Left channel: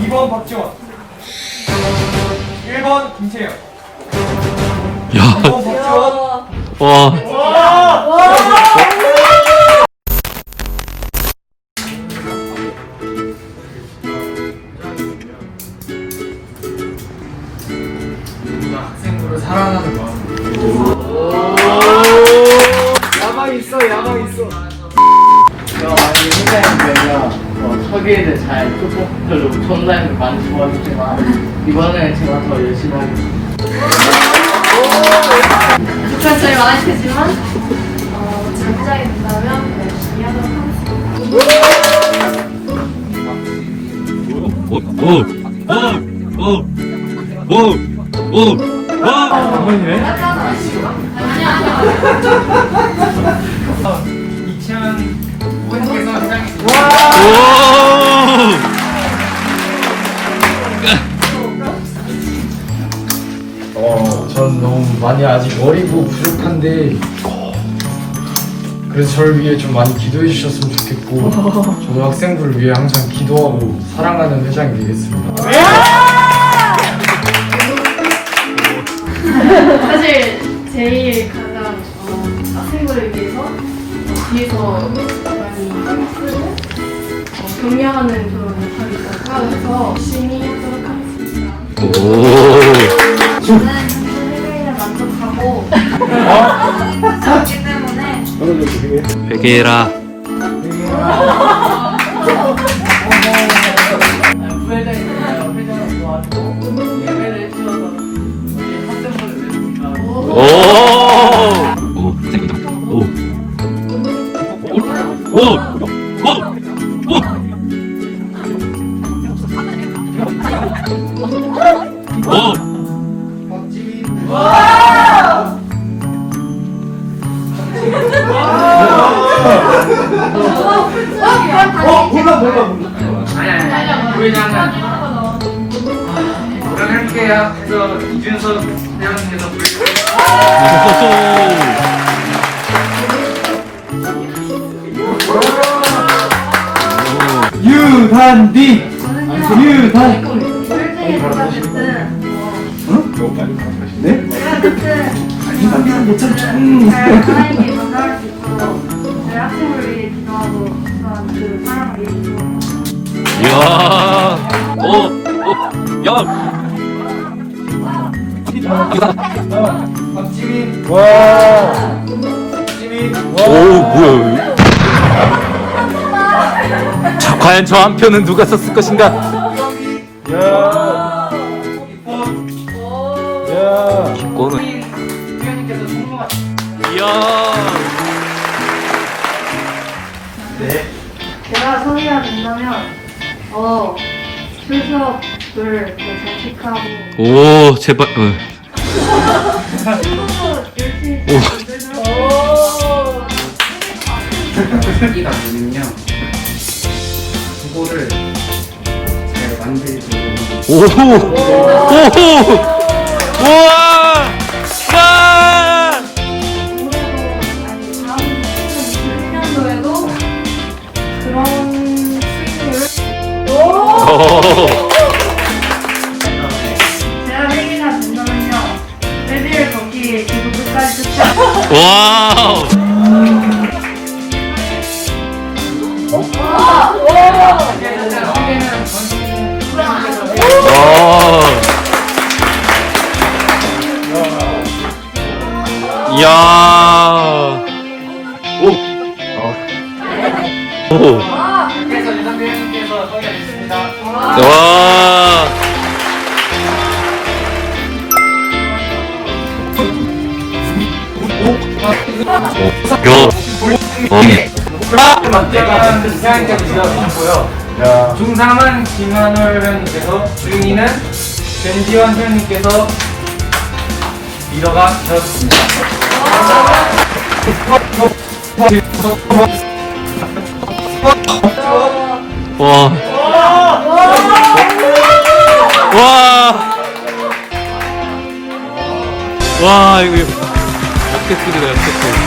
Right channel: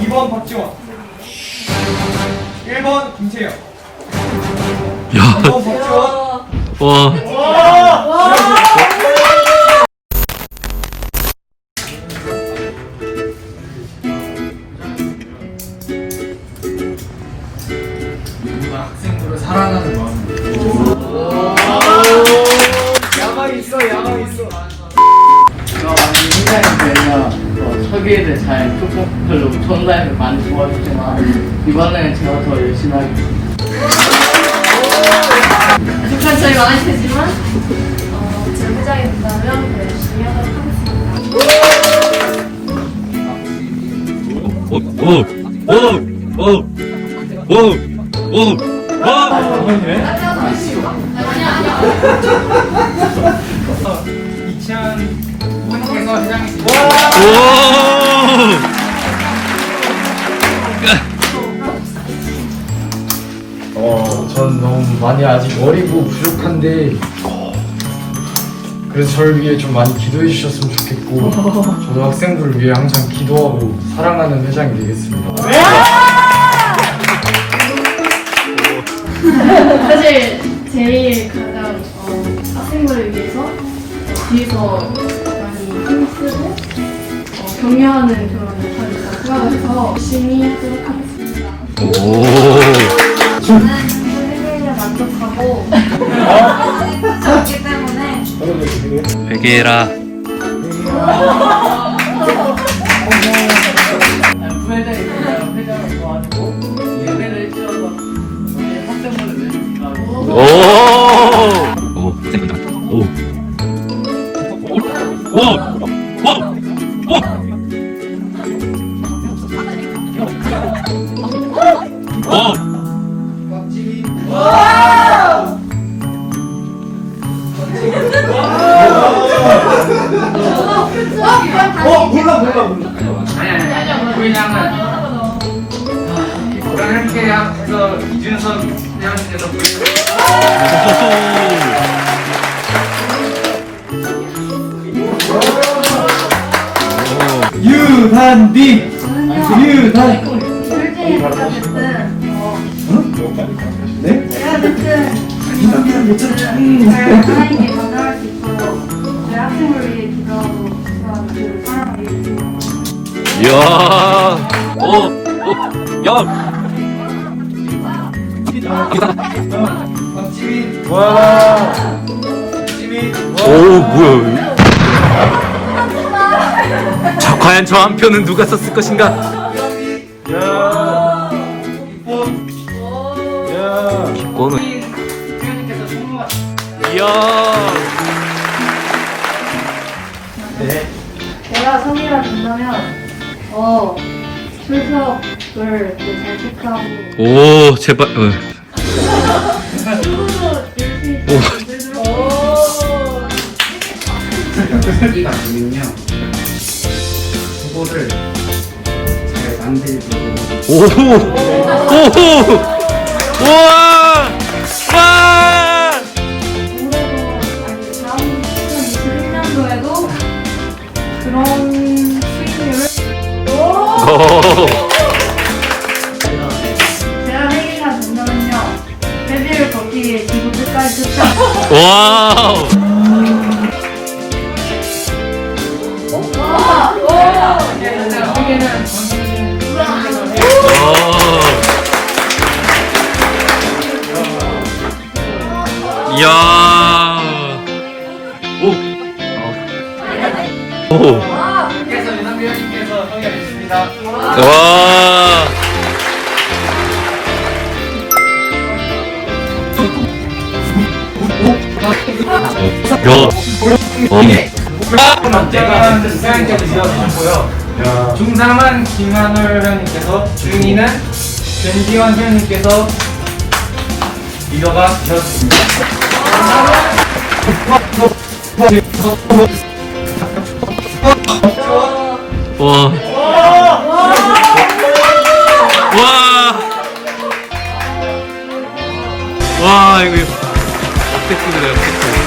2번 박지원. 1번 김채영. 야, 2번 박지원. 와. 학 초기에는 잘 뚜껑별로 전단을 많이 도와줬지만 이번에 제가 더 열심히 하겠습니다. 부족한 점이 많을 테지만 어, 제가 회장이 된다면 열심히 하도록 하겠습니다. 오, 오, 오, 와. 많이 아직 어리고 부족한데 그래서 저를 위해 좀 많이 기도해 주셨으면 좋겠고 저도 학생부를 위해 항상 기도하고 사랑하는 회장이 되겠습니다. 사실 제일 가장 어, 학생들을 위해서 뒤에서 많이 힘쓰고 어, 격려하는 그런 역할을 생각을 해서 열심히 하도록 하겠습니다. 오. 저는 때문에 베개라. 어 몰라 몰라 몰라 그래서 이준석 회장님께서 유단비 유단 솔직히 어쨌든 네? 어 야. 박지민 와 박지민 오 뭐야 자 과연 저 한 표는 누가 썼을 것인가? 그거는. 이야. 제가 성의가 된다면 더 출석을 또잘 체크하고 오 제발 어. 크기가 보면요. 그거를 잘 만들고 오. 오. 우와. 와. 와우. 와. 이야. 오. 오. 회장님께서 성의가 있습니다. 와. 박정현 회장님께서 지어주셨고요. 중삼은 김한월 회장님께서 중2는 변지원 회장님께서 리더가 되셨습니다. 와. 와. 와, 이거 쓰게 돼요?